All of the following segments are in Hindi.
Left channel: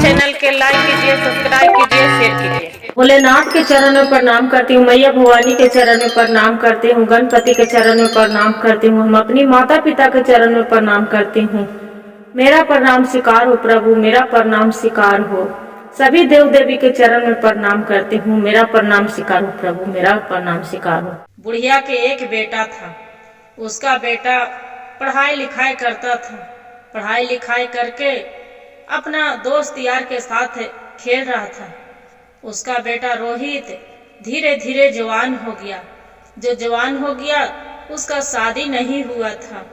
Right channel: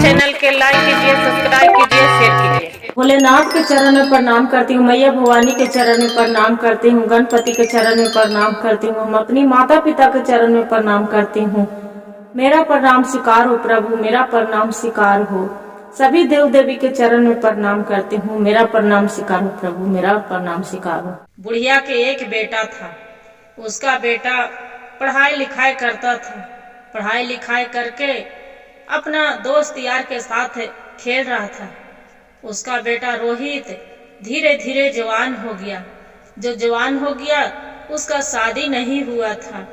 चैनल के लाइक कीजिए, सब्सक्राइब कीजिए, शेयर कीजिए। भोलेनाथ के चरण में प्रणाम करती हूँ, मैया भवानी के चरण में प्रणाम करती हूँ, गणपति के चरण में प्रणाम करती हूँ, हम अपनी माता पिता के चरण में प्रणाम करती हूँ। मेरा प्रणाम स्वीकार हो प्रभु, मेरा प्रणाम स्वीकार हो। सभी देव देवी के चरण में प्रणाम करती हूँ, मेरा प्रणाम स्वीकार हो प्रभु, मेरा प्रणाम स्वीकार हो। बुढ़िया के एक बेटा था। उसका बेटा पढ़ाई लिखाई करता था। पढ़ाई लिखाई करके अपना दोस्त यार के साथ खेल रहा था। उसका बेटा रोहित धीरे धीरे जवान हो गया। जो जवान हो गया उसका शादी नहीं हुआ था।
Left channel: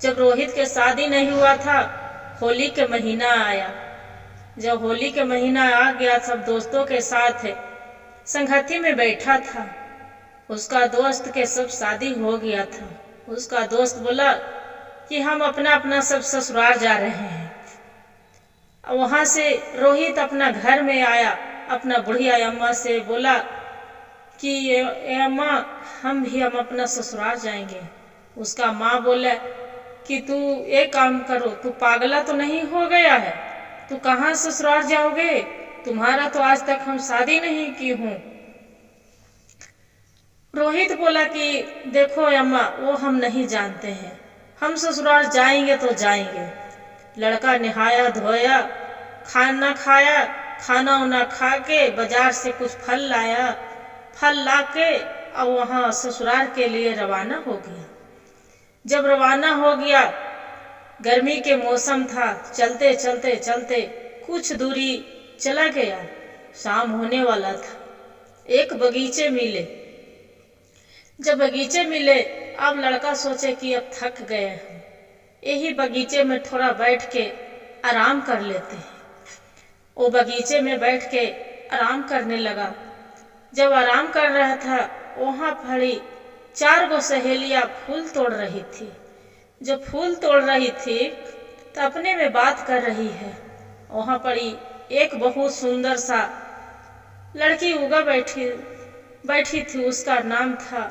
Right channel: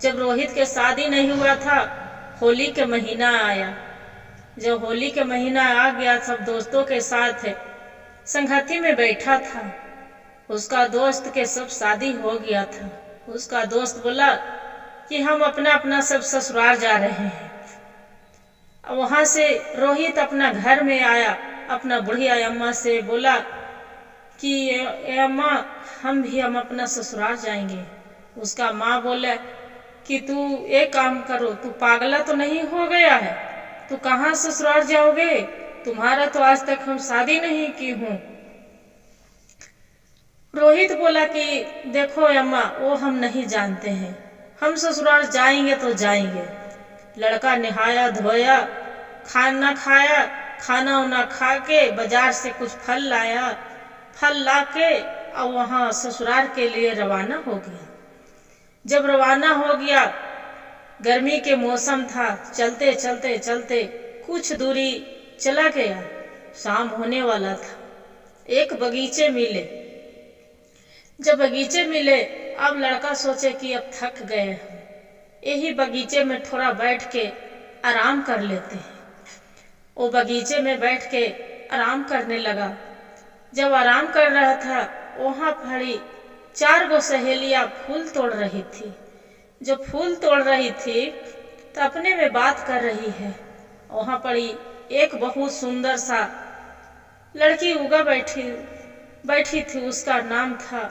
जब रोहित के शादी नहीं हुआ था, होली के महीना आया। जब होली के महीना आ गया, सब दोस्तों के साथ संगति में बैठा था। उसका दोस्त के सब शादी हो गया था। उसका दोस्त बोला कि हम अपना अपना सब ससुराल जा रहे हैं। वहां से रोहित अपना घर में आया, अपना बुढ़िया अम्मा से बोला कि ए अम्मा, हम अपना ससुराल जाएंगे। उसका माँ बोला कि तू एक काम करो, तू पागला तो नहीं हो गया है, तू कहाँ ससुराल जाओगे, तुम्हारा तो आज तक हम शादी नहीं की हूँ। रोहित बोला कि देखो अम्मा, वो हम नहीं जानते हैं, हम ससुराल जाएंगे तो जाएंगे। लड़का नहाया धोया, खाना खाया, खाना उना खा के बाजार से कुछ फल लाया। फल ला के अब वहाँ ससुराल के लिए रवाना हो गया। जब रवाना हो गया, गर्मी के मौसम था, चलते चलते चलते कुछ दूरी चला गया। शाम होने वाला था। एक बगीचे मिले। जब बगीचे मिले, अब लड़का सोचे कि अब थक गए हैं, यही बगीचे में थोड़ा बैठ के आराम कर लेते हैं। वो बगीचे में बैठ के आराम करने लगा। जब आराम कर रहा था, वहाँ खड़ी 4 सहेलियां फूल तोड़ रही थी। जब फूल तोड़ रही थी तो अपने में बात कर रही है। वहाँ पड़ी एक बहुत सुंदर सा लड़की उगा बैठी थी। उसका नाम था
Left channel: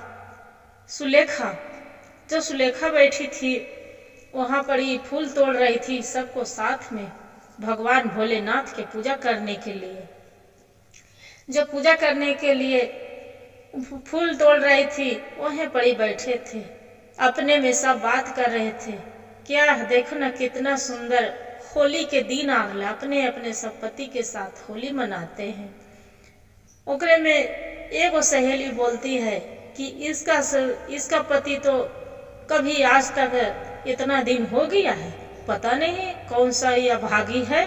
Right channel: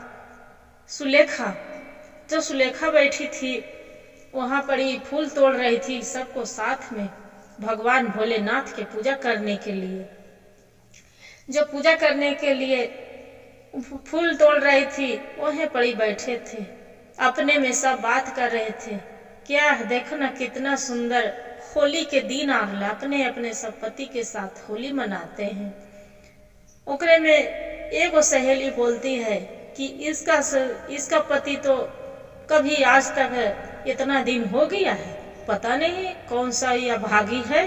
सुलेखा। जो सुलेखा बैठी थी, वहाँ पड़ी फूल तोड़ रही थी, सबको साथ में भगवान भोलेनाथ के पूजा करने के लिए। जब पूजा करने के लिए फूल तोड़ रही थी, वहीं पड़ी बैठे थे, अपने में सब बात कर रहे थे। क्या देखना कितना सुंदर होली के दिन आ रहा, अपने अपने सब पति के साथ होली मनाते हैं। ओकरे में एक सहेली बोलती है कि इसका पति तो कभी आज तक इतना दिन हो गया है, पता नहीं कौन सा यह भागी है,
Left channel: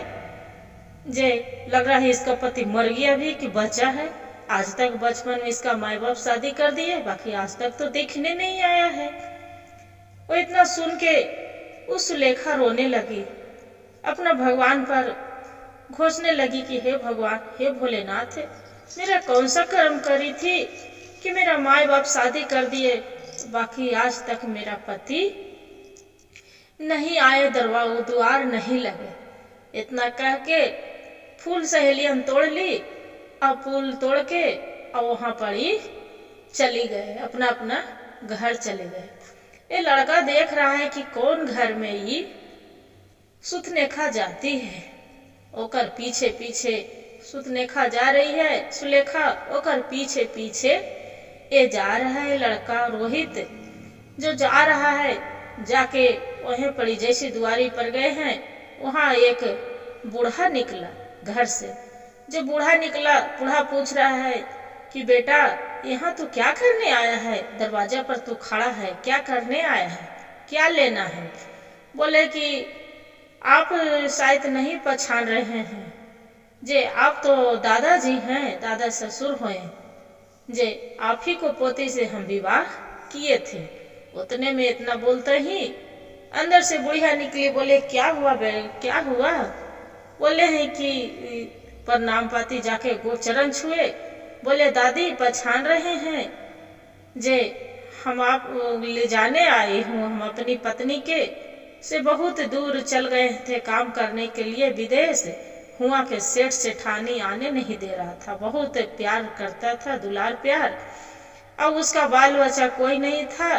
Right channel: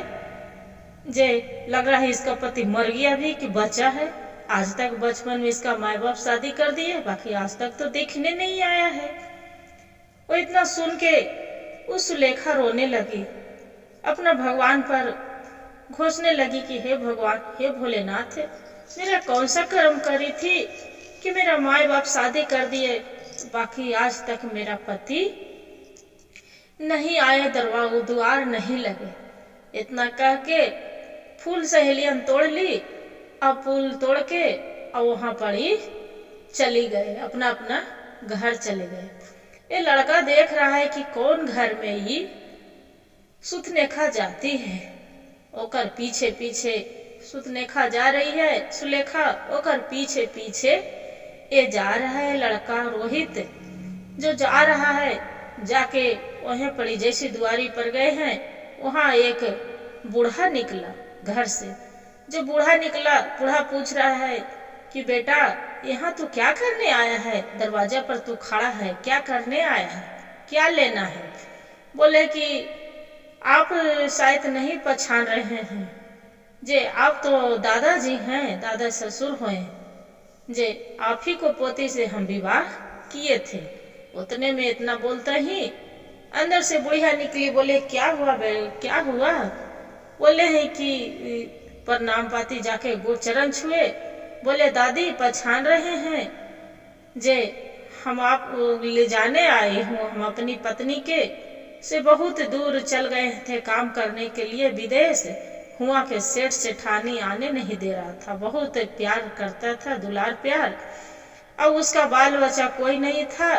जे लग रहा है इसका पति मर गया भी कि बचा है। आज तक बचपन में इसका माँ बाप शादी कर दिए, बाकी आज तक तो देखने नहीं आया है। वो इतना सुन के उस सुलेखा रोने लगी, अपना भगवान पर घोषने लगी कि हे भगवान, हे भोलेनाथ, मेरा कौन सा कर्म करी थी कि मेरा माँ बाप शादी कर दिए, बाकी आज तक मेरा पति नहीं आया, द्वार नहीं लगे। इतना कह के फूल सहेलियां तोड़ ली। अब फूल तोड़ के और वहां पड़ी चली गए, अपना अपना घर चले गए। ये लड़का देख रहा है कि कौन घर में ये सुतनेखा जाती है। ओकर पीछे पीछे सुतनेखा जा रही है, सुलेखा ओकर पीछे पीछे ये जा रहा है। लड़का रोहित जो जा रहा है, जाके वहीं पड़ी जैसी दुआरी पर गए हैं, वहां एक बूढ़ा निकला घर से। जो बूढ़ा निकला, बूढ़ा पूछ रहा है कि बेटा, यहाँ तू क्या करने आया है, दरवाजा पर तू खड़ा है, क्या करने आया है, क्या लेना है? बोले कि आप शायद नहीं पहचान रहे हैं, जे आप तो दादाजी हैं, दादा ससुर हुए, जे आप ही को पोती से हम विवाह किए थे। उतने में इतना बोलते ही अंदर से बुढ़िया निकली। बोले क्या हुआ क्या हुआ? बोले हैं कि प्रणाम पाती जाके गोचरण छुए। बोले दादी, पहचान रहे हैं जे हम आप ले जाने आए हूँ, हम अपनी पत्नी के से बहुत दूर चल गए थे काम करने के लिए विदेश। हुआ के सेठ सेठानी आने नहीं दे रहा था, बहुत प्यार करता था, दुलार प्यार। अब उसका बाल बच्चा कोई नहीं था,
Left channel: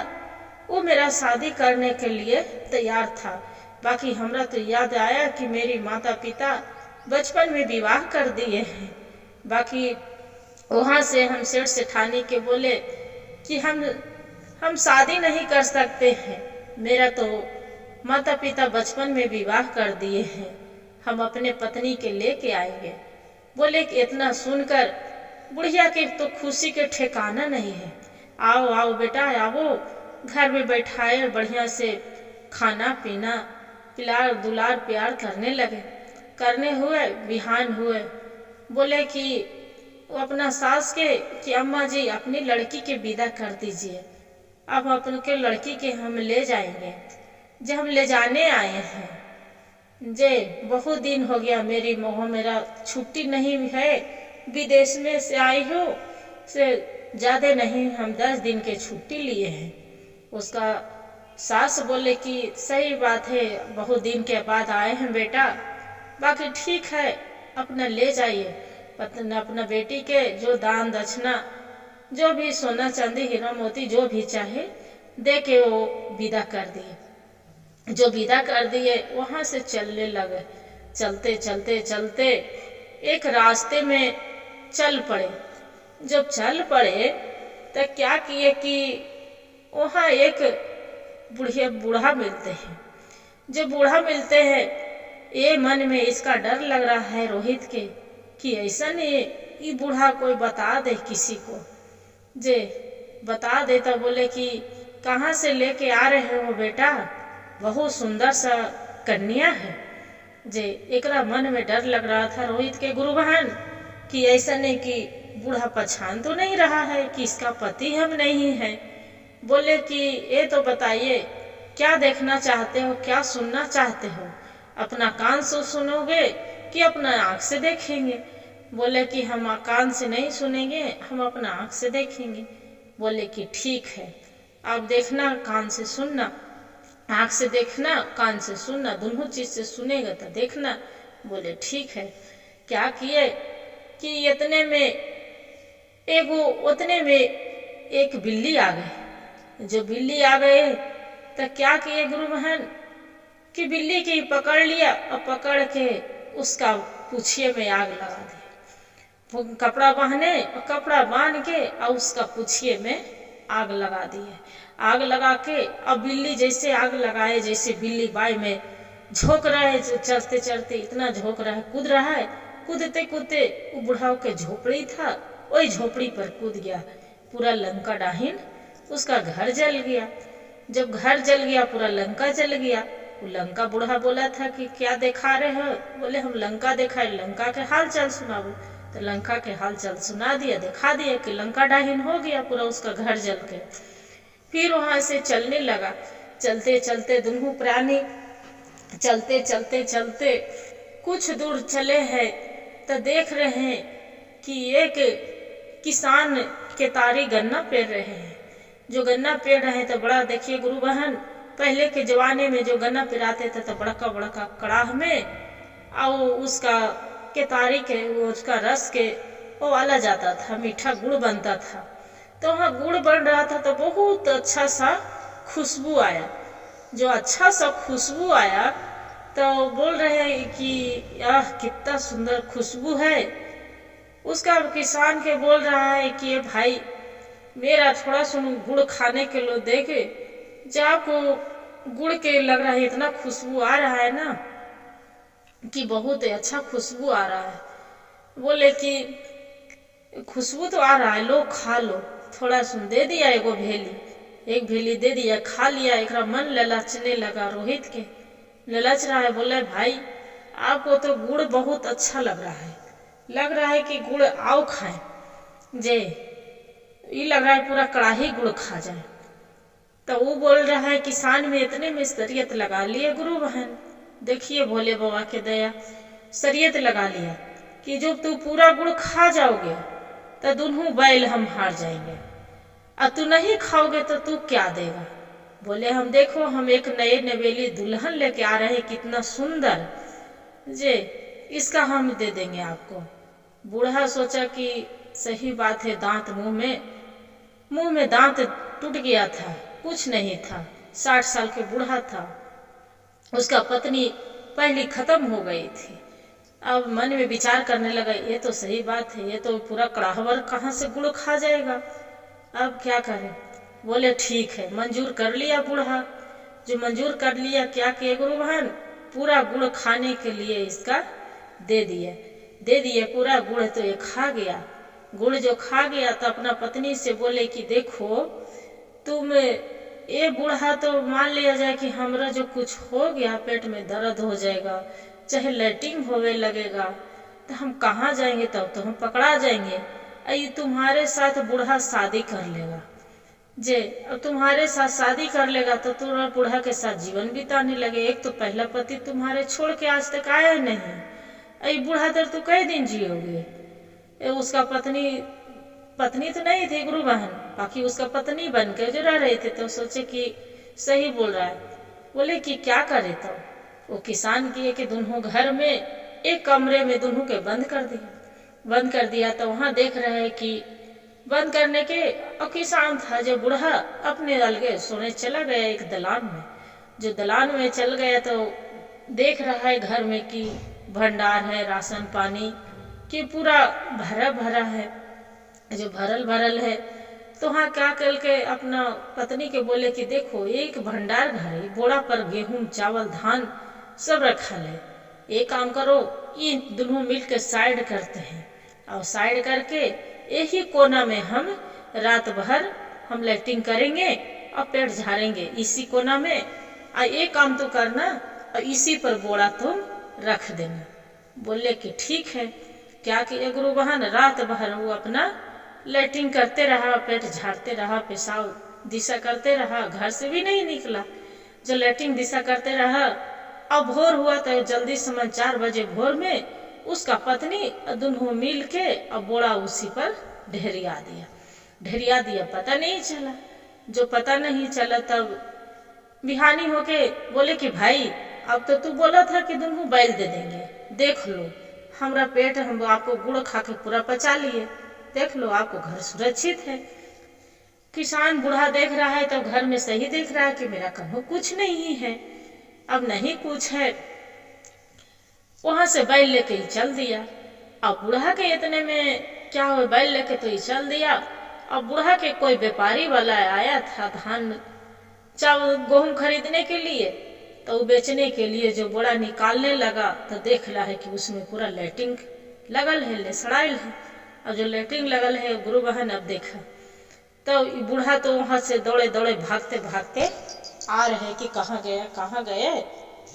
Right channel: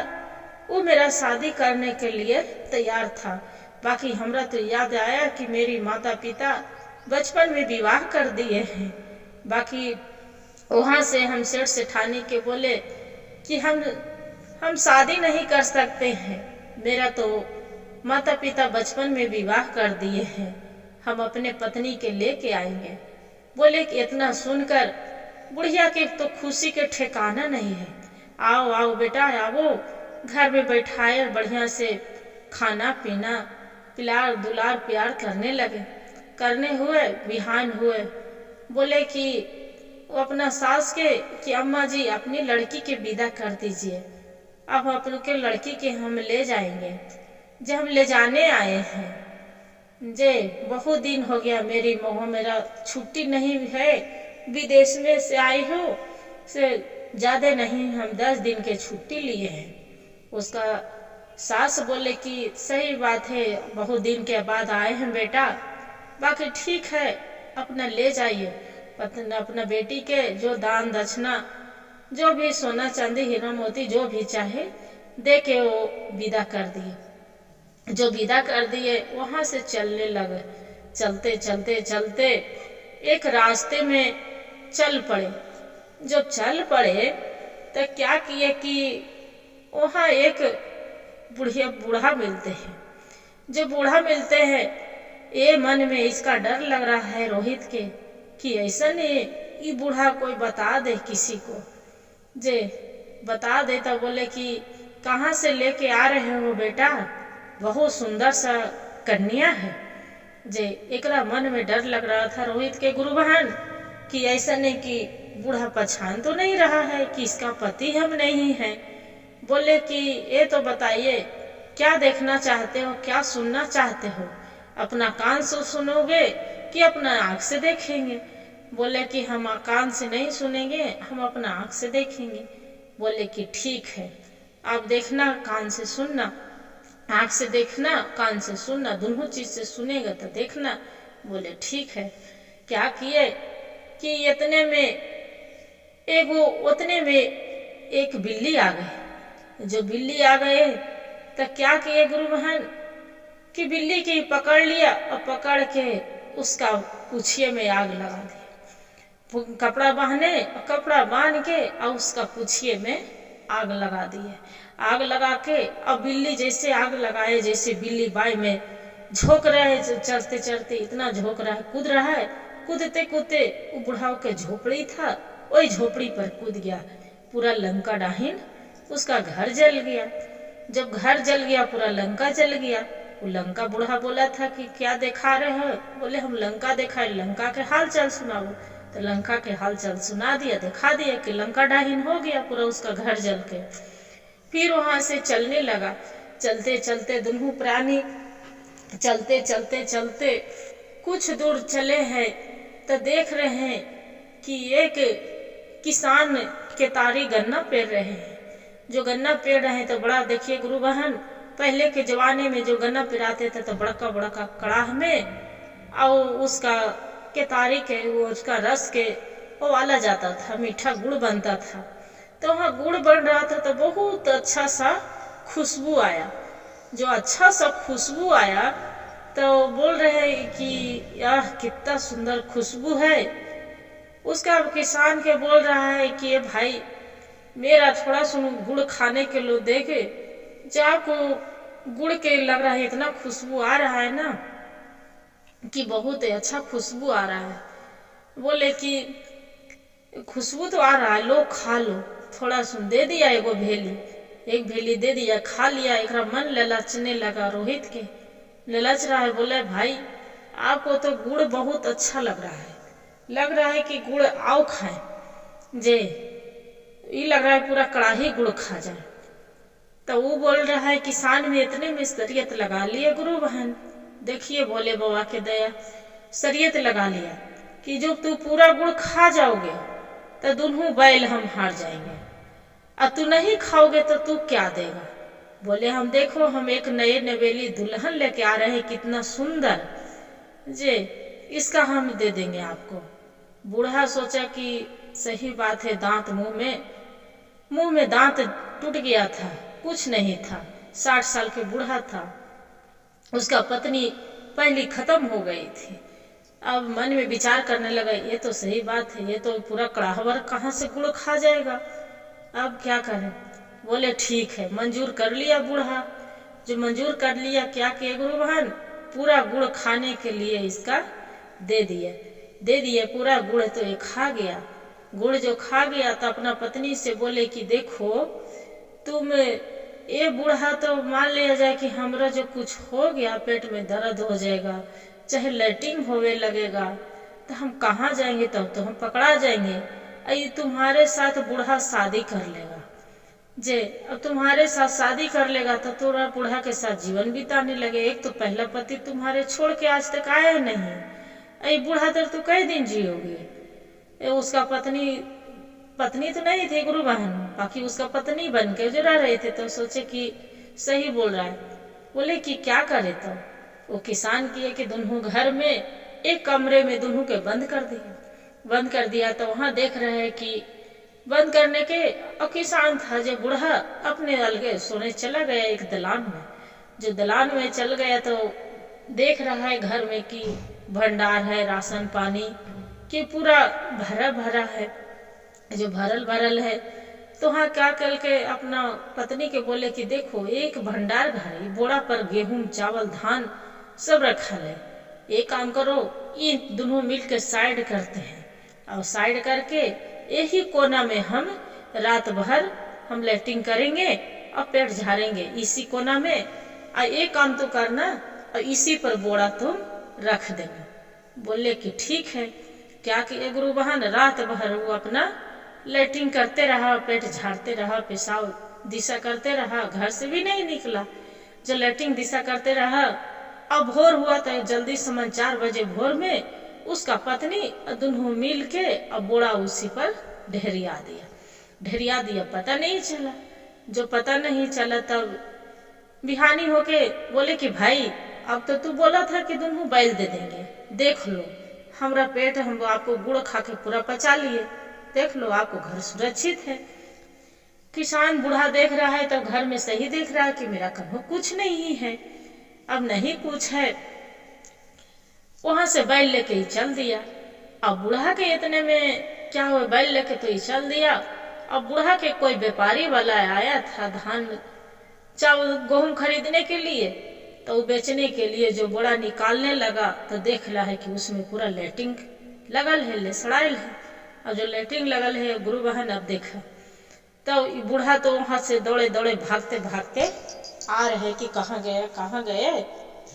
वो मेरा शादी करने के लिए तैयार था। बाकी हमरा तो याद आया कि मेरी माता पिता बचपन में विवाह कर दिए हैं। बाकी वहाँ से हम सेठ सेठानी के बोले कि हम शादी नहीं कर सकते हैं, मेरा तो माता पिता बचपन में विवाह कर दिए हैं, हम अपने पत्नी के लेके आएंगे। बोले कि इतना सुनकर बुढ़िया के तो खुशी के ठिकाना नहीं है। आओ आओ बेटा आओ, घर में बैठाए बढ़िया से खाना पीना पिलार दुलार प्यार करने लगे। करने हुए बिहान हुए, बोले कि वो अपना सास के कि अम्मा जी अपनी लड़की के विदा कर दीजिए, अब अपने लड़की के हम ले जाएंगे। जब हम ले जाने आए हैं जे बहुत दिन हो गया मेरा छुट्टी नहीं है, विदेश में से आई हूँ से ज़्यादा नहीं, हम 10 दिन के छुट्टी लिए हैं। उसका सास बोले कि सही बात है, बहुत दिन के बाद आए हैं बेटा, बाकी ठीक है अपना ले जाइए, अपना बेटी के जो दान दक्षिणा जो भी सोना चांदी हीरा मोती जो भी चाहे दे के वो विदा कर दिए। जो विदा कर दिए वहाँ से चलने लगे। चलते चलते चलते एक रास्ते में चल पड़े। जब चल पड़े तो क्या किए कि वहाँ एक बूढ़ा मिलते हैं। जब बूढ़ा मिलते हैं, ये मन में इसका डर लग रहा है रोहित के कि ऐसा नहीं ये बूढ़ा कोई बता दे किसी को। जे बता दे तो बोले कि कहाँ से लेके आ रहे हो बेटा, बहुत सुंदर सा कन्या है। जे एकरा मन में डर लग रहा था रोहित के गुरु बहन कि ऐसा नहीं कि बूढ़ा पहचान तो नहीं रहा है कि इसका पति हम नहीं है। बोले कि ये तो बताइए क्या देखना चाहते हो, क्या सुनना चाहते हो, अपना कान से सुनोगे कि अपना आँख से देखेंगे। बोले कि हम कान से नहीं सुनेंगे, हम अपना आँख से देखेंगे। बोले कि ठीक है, आप देखना कान से सुनना, आँख से देखना कान से सुनना, दोनों चीज से सुनेगा तो देखना। बोले ठीक है। क्या किए कि इतने में एक बिल्ली आ गई। जो बिल्ली आ गए तो क्या किए गुरु बहन कि बिल्ली की पकड़ लिया और पकड़ के उसका पूछिए में आग लगा दी। कपड़ा बांध के और उसका पूछिए में आग लगा दिए। आग लगा के अब बिल्ली जैसे आग लगाए, जैसे बिल्ली बाई में झोंक रहा है, चलते चलते इतना झोंक रहा है, कूद रहा है। कूदते कूदते वो बुढ़ाओ के झोपड़ी था, वही झोपड़ी पर कूद गया। पूरा लंका डाहिन उसका घर जल गया। जब घर जल गया पूरा लंका जल गया। वो लंका बूढ़ा बोला था कि क्या दिखा रहे हो? बोले हम लंका दिखाए, लंका के हाल चाल सुनाओ। तो लंका के हाल चाल सुना दिया, दिखा दिया कि लंका डाहिन हो गया, पूरा उसका घर जल के। फिर वहां से चलने लगा। चलते चलते दोनों प्राणी चलते चलते चलते कुछ दूर चले हैं तो देख रहे हैं कि एक किसान के तारी गन्ना पेर रहे हैं। जो गन्ना पेर रहे हैं तो बड़ा देखिए गुरु बहन, पहले के जमाने में जो गन्ना पिराते थे तो बड़का बड़का कड़ाह में और उसका केतारी के उसका रस के वो वाला जाता था, मीठा गुड़ बनता था। तो वहाँ गुड़ बन रहा था तो बहुत अच्छा सा खुशबू आया। जो अच्छा सा खुशबू आया तो बोल रहे हैं कि यह कितना सुंदर खुशबू है। उसका किसान के बोल रहा है कि ये भाई मेरा थोड़ा सुन गुड़ खाने के लो दे के, जब आपको गुड़ के लग रहा है इतना खुशबू आ रहा है ना कि बहुत अच्छा खुशबू आ रहा है। बोले कि खुशबू तो आ रहा है, लो खा लो। थोड़ा सुन दे दिया, एक भेली दे दिया, खा लिया। एक मन ललचने लगा, रोहित के ललच रहा है। बोले भाई आपको तो गुड़ बहुत अच्छा लग रहा है कि गुड़ आओ खाएं। जे ये लग रहा है पूरा कड़ाही गुड़ खा जाए। तो वो बोल रहा है किसान में इतने में शरीयत लगा लिए गुरु बहन। देखिए भोले बाबा के दया, शरीयत लगा लिया कि जो तू पूरा गुड़ खा जाओगे तो दोनों बैल हम हार जाएंगे, और तू नहीं खाओगे तो तू क्या देगा? बोले हम देखो हम एक नए नवेली दुल्हन लेके आ रहे हैं, कितना सुंदर, जे इसका हम दे देंगे आपको। बूढ़ा सोचा कि सही बात है, दांत मुंह में दांत टूट गया था, कुछ नहीं था, 60 साल के बूढ़ा था। उसका पत्नी पहली खत्म हो गई थी। अब मन में विचार करने लगा, ये तो सही बात है, ये तो पूरा कड़ाहवर कहाँ से गुड़ खा जाएगा, अब क्या करें। बोले ठीक है, मंजूर कर लिया बूढ़ा। जो मंजूर कर लिया, क्या किए गुरु बहन, पूरा गुड़ खाने के लिए इसका दे दिए पूरा गुड़। तो ये खा गया। गुड़ जो खा गया तो अपना पत्नी से बोले कि देखो तुम, ये बूढ़ा तो मान लिया जाए कि हमरा जो कुछ हो गया, पेट में दर्द हो जाएगा, चाहे लैट्रिन होवे लगेगा, तो हम कहाँ जाएंगे, तब तो हम पकड़ा जाएंगे। ये तुम्हारे साथ बूढ़ा शादी कर लेगा, जे अब तुम्हारे साथ शादी कर लेगा तो तुम्हारा बूढ़ा के साथ जीवन बिताने लगे। एक तो पहला पति तुम्हारे छोड़ के आज तक आया नहीं, ये बूढ़ा देर तू कई दिन जियोगे। उसका पत्नी तो नहीं थी गुरु बहन, बाकी उसका पत्नी बन के जो रह रहे थे। तो सोचे कि सही बोल रहा है। बोले कि क्या करे। तो वो किसान किए कि दोनों घर में एक कमरे में दोनों के बंद कर दिया। तो वहां देख रहे हैं कि बंद करने के, और किसान था जो बूढ़ा अपने अलगे सोने चला गया एक दलान में। जो दलान में चल गया तो देख रहा है घर में कि भंडार है, राशन पानी कि पूरा भरा है, जो भरल है। तो हाँ क्या कल के अपना पत्नी के बोले कि देखो एक भंडार घर है, बोरा पर गेहूं चावल धान सब रखा है, एक काम करो, इन दोनों मिल के साइड करते हैं, और साइड करके यही कोना में हम रात भर हम लैट्रिन करेंगे और पेट झाड़ेंगे इसी कोना में, और एक काम तो करना और इसी पर बोरा तुम रख देना। बोले कि ठीक है। क्या किया गुरु बहन, रात भर वो अपना लैट्रिन करते रहा, पेट झाड़ते रहा, पेशाब दिशा करते रहा, घर से भी नहीं निकला। जो लैट्रिन दिशा करते रहा, अब भोर हुआ तो जल्दी समझ 4 बजे भोर में उसका पत्नी दोनों मिल के अब बोरा उसी पर ढेरिया दिया। पता नहीं चला। जो पता नहीं चला तब बिहानी होके बोले कि भाई अब तो तू बोला था कि दोनों बैल दे देंगे, देख लो हमरा पेट, हम आपको गुड़ खा के पूरा पचा लिए, देख लो आपको घर सुरक्षित है। किसान बूढ़ा देख रहा है तब घर में सही देख रहा है कि मेरा कहीं कुछ नहीं है, अब नहीं कुछ है। वहां से बैल लेके ही चल दिया। अब बूढ़ा के इतने में क्या हुआ, बैल लेके तो ही चल दिया। अब बूढ़ा के कोई व्यापारी वाला आया था धान चावल गेहूं खरीदने के लिए, तो बेचने के लिए जो बोरा निकालने लगा तो देख रहा है कि उसमें पूरा लैट्रिन लगल है, लेसड़ाइल है। और जो लैट्रिन लगल है गुरु बहन अब देखा तो बूढ़ा तो वहां से दौड़े भागते आ रहे कि कहाँ गए,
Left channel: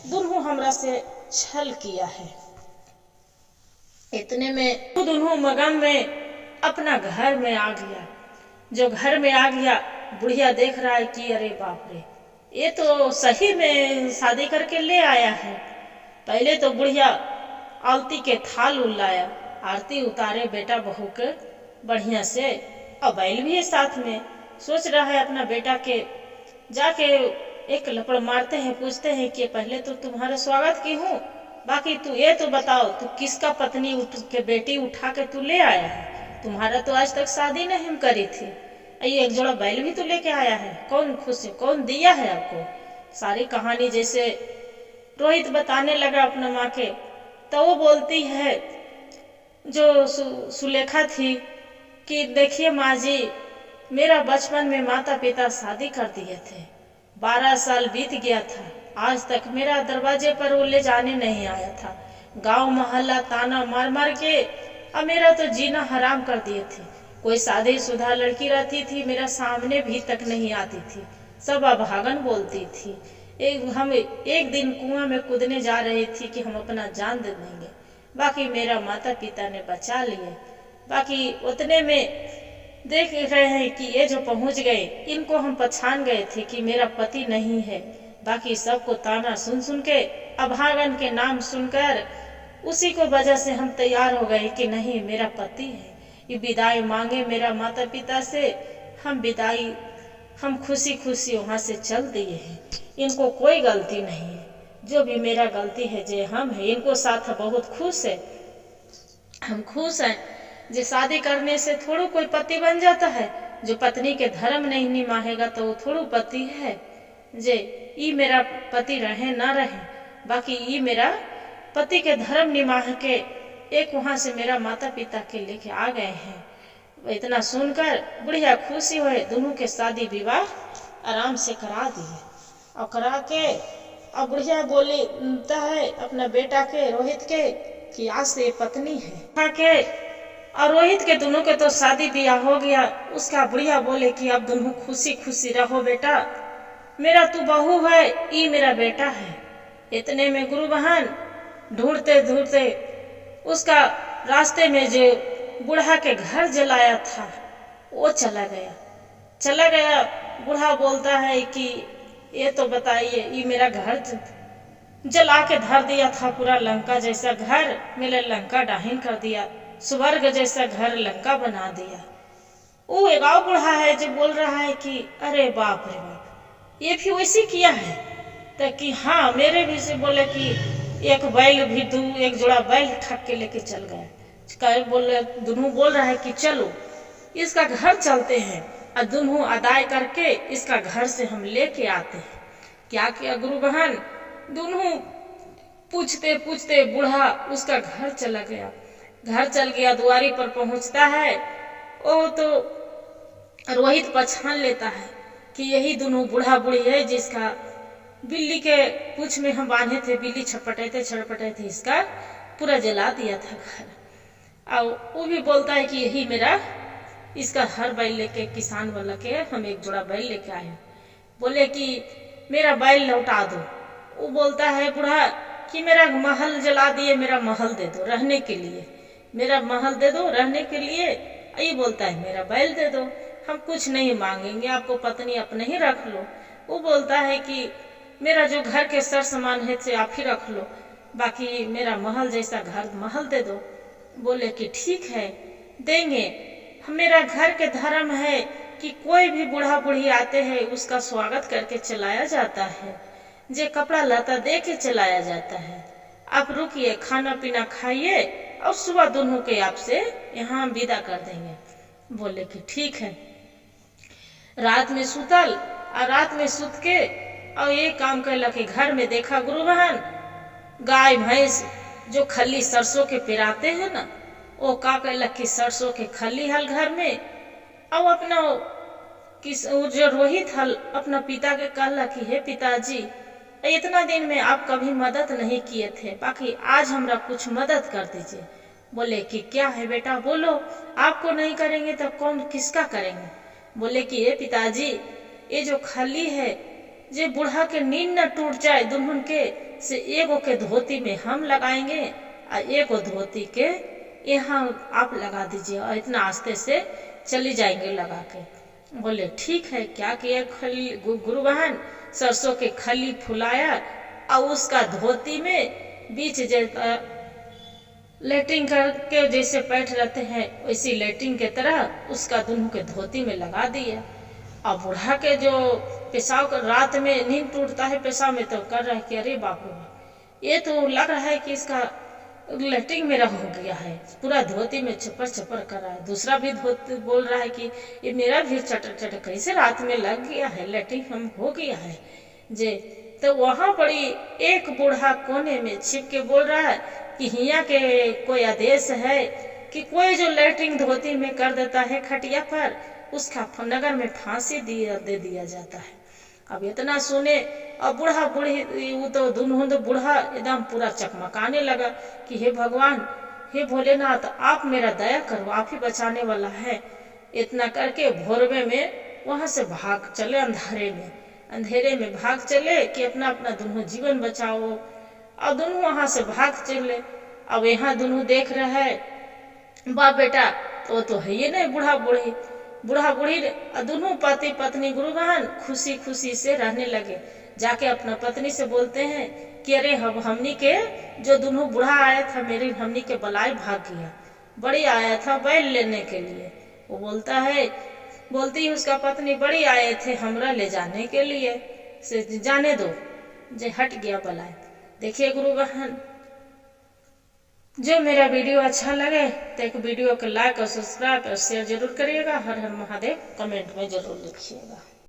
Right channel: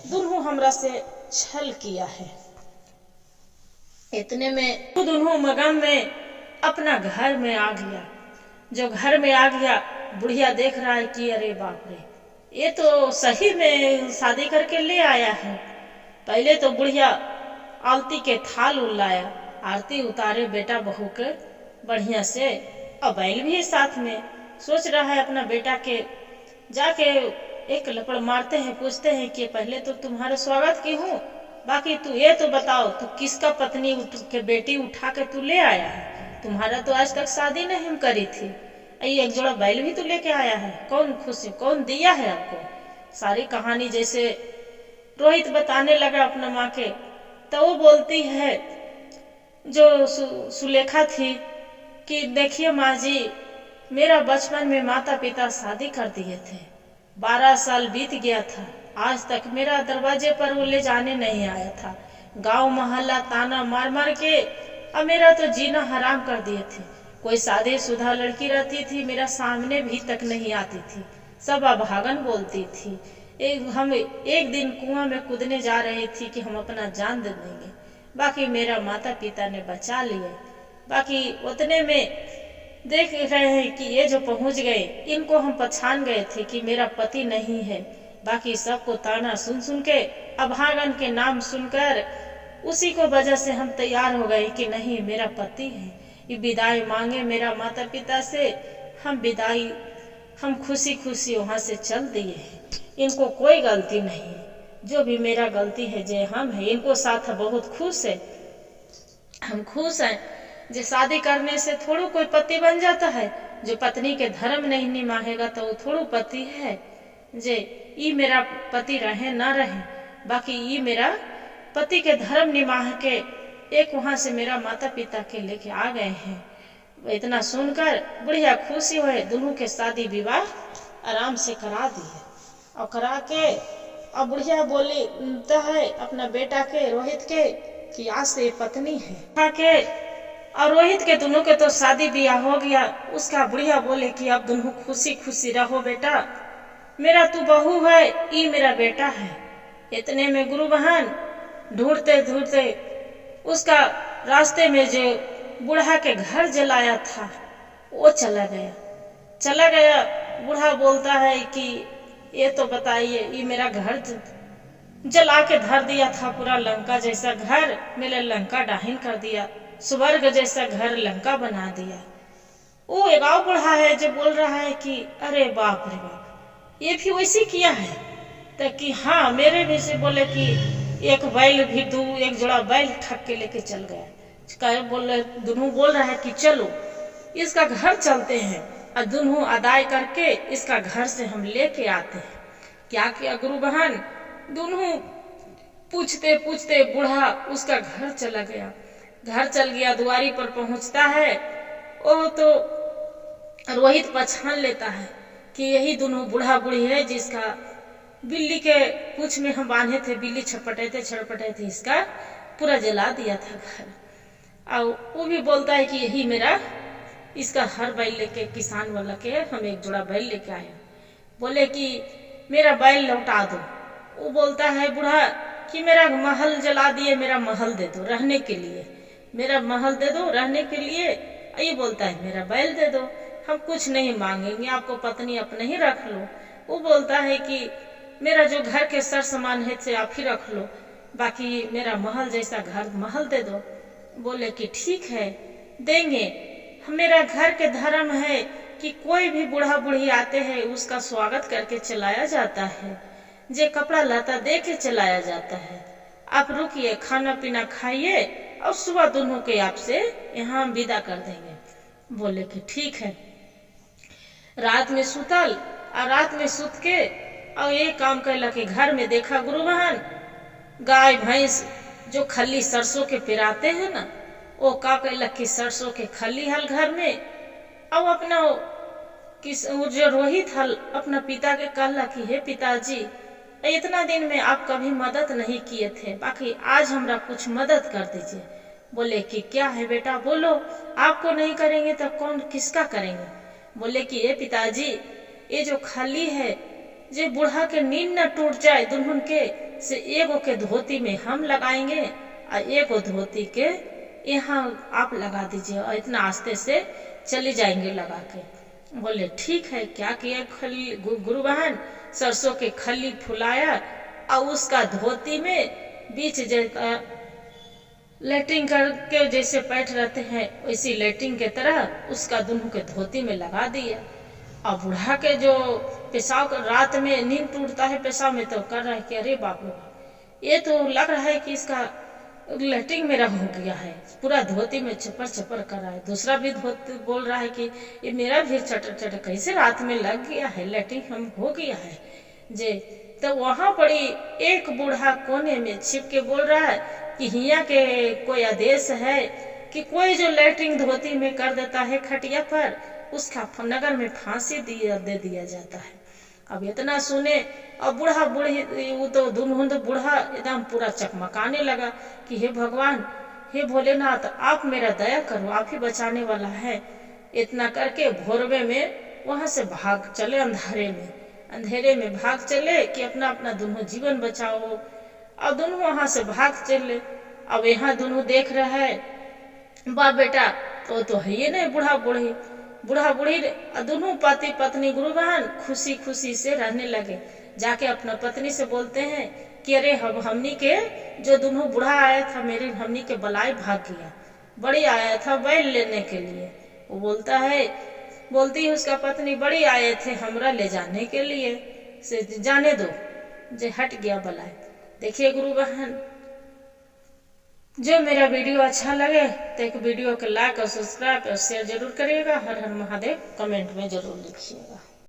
दोनों हमरा से छल किया है। इतने में दोनों मगन में अपना घर में आ गया। जो घर में आ गया, बुढ़िया देख रहा है कि अरे बाप रे, ये तो सही में शादी करके ले आया है। पहले तो बुढ़िया आलती के थाल लाया, आरती उतारे बेटा बहू के बढ़िया से, और बैल भी है साथ में। सोच रहा है अपना बेटा के जाके एक लपड़ मारते हैं, पूछते हैं कि पहले तो तुम्हारा स्वागत की हूँ, बाकी तू ये तो बताओ तू किसका पत्नी के बेटी उठा के तू ले आया है, तुम्हारा तो आज तक शादी नहीं करी थी, ये एक जोड़ा बैल भी तू लेके आया है, कौन खुशी कौन दिया है आपको। सारी कहानी जैसे रोहित बताने लगा अपना माँ के, तो वो बोलती है जो सुलेखा थी कि देखिए माँ जी, मेरा बचपन में माता पिता शादी कर दिए थे, 12 साल बीत गया था, आज तक मेरा दरवाजे पर वो ले जाने नहीं आया था। गांव मोहल्ला ताना मार के अब मेरा तो जीना हराम कर दिए थे। कोई शादीशुदा लड़की रहती थी मेरा सामने भी तक नहीं आती थी, सब अभागन बोलती थी। हम एक दिन कुआं में कूदने जा रही थी कि हम अपना जान दे देंगे, बाकी मेरा माता पिता ने बचा लिए। बाकी उतने में देख रहे हैं कि ये जो पहुंच गए, इनको हम पहचान गए थे कि मेरा पति नहीं है। बाकी सबको ताना सुन के, अभागन के नाम सुनकर उसी को वजह से हम तैयार हो गए कि नहीं मेरा पति है। ये विदाई मांगे मेरा माता पिता से, हम खुशी खुशी वहाँ से चल दिए हैं। इनको कोई गलती नहीं है, जो भी मेरा गलती है जे हम है, इनको साथ बहुत खुश है। हम खुश हैं जो शादी करने से थोड़ा कोई पति बन जाता है, जो पत्नी के धर्म नहीं निभाएगा तो वो थोड़ा पति है। जे ये मेरा पति रहे ना रहे, बाकी ये मेरा पति के धर्म निमाह के एक वहाँ से मेरा माता पिता के लेके आ गए हैं। इतना सुनकर बुढ़िया खुशी हुए, दोनों के शादी विवाह आराम से करा दिए। और करा के अब बुढ़िया बोलता है अपना बेटा के रोहित के कि आज से पत्नी है के, और रोहित के दोनों के तो शादी ब्याह हो गया। उसका बुढ़िया बोले कि अब दोनों खुशी खुशी रहो बेटा, मेरा तू बहू है, ये मेरा बेटा है। इतने में गुरु बहन ढूंढते ढूंढते उसका रास्ते में जो बूढ़ा के घर जलाया था वो चला गया। बूढ़ा बोलता है कि ये तो बताइए, ये मेरा घर जला के धर दिया था, पूरा लंका जैसा घर मेरे लंका डाहिन कर दिया, स्वर्ग जैसा घर लंका बना दिया। वो एक और बूढ़ा है जो बोल रहा है कि अरे बाप रे बाप, ये भी वैसे किया है। तो कि हाँ, मेरे भी से बोले कि एक बैल भी एक जोड़ा बैल ठग के लेके चल गया। दोनों बोल रहा है कि चलो इसका घर चलते हैं और दोनों अदाय करके इसका घर से हम लेके आते हैं। क्या किया गुरु बहन, दोनों पूछते पूछते बूढ़ा उसका घर चला गया। घर चल गया, दुआरी पर पहुंचता है, वो तो रोहित पहचान लेता है कि यही दोनों बूढ़ा बूढ़ी है जिसका बिल्ली के पूंछ में हम बांधे थे, बिल्ली छटपटाए थे, इसका पूरा जला दिया था घर। और वो भी बोलता है कि यही मेरा इसका हर बैल लेके किसान वाला के हम एक जोड़ा बैल लेके आए, बोले कि मेरा बैल लौटा दो। वो बोलता है बूढ़ा कि मेरा महल जला दिए, मेरा महल दे दो रहने के लिए, मेरा महल दे दो रहने के लिए। ये बोलता है मेरा बैल दे दो, हम कुछ नहीं मांगेंगे, आपको पत्नी अपने ही रख लो। वो बोलता है कि मेरा जो घर के सर सामान है से आप ही रख लो, बाकी मेरा महल जैसा घर महल दे दो। बोले कि ठीक है देंगे, मेरा घर के धर्म है कि कोई भी बूढ़ा बूढ़ी आते हैं उसका स्वागत करके चलाया जाता है, जे कपड़ा लता दे के चलाया जाता है। आप रुकिए, खाना पीना खाइए और सुबह दोनों के आपसे यहाँ विदा कर देंगे। बोले कि ठीक है। रात में सुतल और रात में सुत के और ये काम कैला के घर में देखा गुरु बहन, गाय भैंस जो खली सरसों के पिराते हैं ना, वो का कैला कि सरसों के खली हल घर में, और अपना जो रोहित हल अपना पिता के कहला कि हे पिताजी, इतना दिन में आप कभी मदद नहीं किए थे, बाकी आज हमरा कुछ मदद कर दीजिए। बोले कि क्या है बेटा बोलो, आपको नहीं करेंगे तो कौन किसका करेंगे। बोले कि ये पिताजी, ये जो खली है जे बूढ़ा के नींद न टूट जाए दुल्हन के, से एगो के धोती में हम लगाएंगे और एगो धोती के यहाँ आप लगा दीजिए, और इतना आस्ते से चली जाएंगे लगा के। बोले ठीक है। क्या किया खली गुरु बहन, सरसों के खली फुलाया और उसका धोती में बीच लेटरिंग करके जैसे पैठ रहते हैं वैसी लेटरिंग के तरह उसका दोनों के धोती में लगा दिया। और बूढ़ा के जो पेशाब कर रात में नींद टूटता है पेशाब में, तो कर रहा है कि अरे बाप रे बाप, ये तो लग रहा है कि इसका लेटरिंग मेरा हो गया है, पूरा धोती में चपर चपर कर रहा है। दूसरा भी धोती बोल रहा है कि ये मेरा भी चटर चटर कैसे रात में लग गया है, लेटरिंग हम हो गया है जे। तो वहां पड़ी एक बूढ़ा कोने में छिप के बोल रहा है कि हिया के कोई आदेश है कि कोई जो लेटरिंग धोती में कर देता है खटिया पर, उसका नगर में फांसी दे दिया जाता है। अब इतना सुने और बूढ़ा बूढ़ी वो तो दुनहुंद बूढ़ा एकदम पूरा चकमकाने लगा कि हे भगवान, हे भोलेनाथ, आप मेरा दया करो, आप ही बचाने वाला है। इतना करके भोरवे में वहां से भाग चले, अंधेरे में भाग चले कि अपना अपना दोनों जीवन बचाओ। और दोनों वहां से भाग चले। अब यहाँ दोनों देख रहे है बाप बेटा, तो वो तो है ये नहीं बूढ़ा बूढ़ी दोनों पति पत्नी गुरु बहन खुशी खुशी से रहने लगे। जाके अपना पत्नी से बोलते हैं कि अरे हमनी के जो दोनों बूढ़ा आया था मेरे हमनी के बलाई भाग गया, बड़ी आया था बैल लेने के लिए। वो बोलती है उसका पत्नी, बड़ी आए थे हमरा ले जाने के लिए, से जाने दो, जे हट गया बलाई। देखिए गुरु बहन, जो मेरा वीडियो अच्छा लगे तो एक वीडियो को लाइक और सब्सक्राइब और शेयर जरूर करिएगा। हर हर महादेव कमेंट में जरूर लिखिएगा।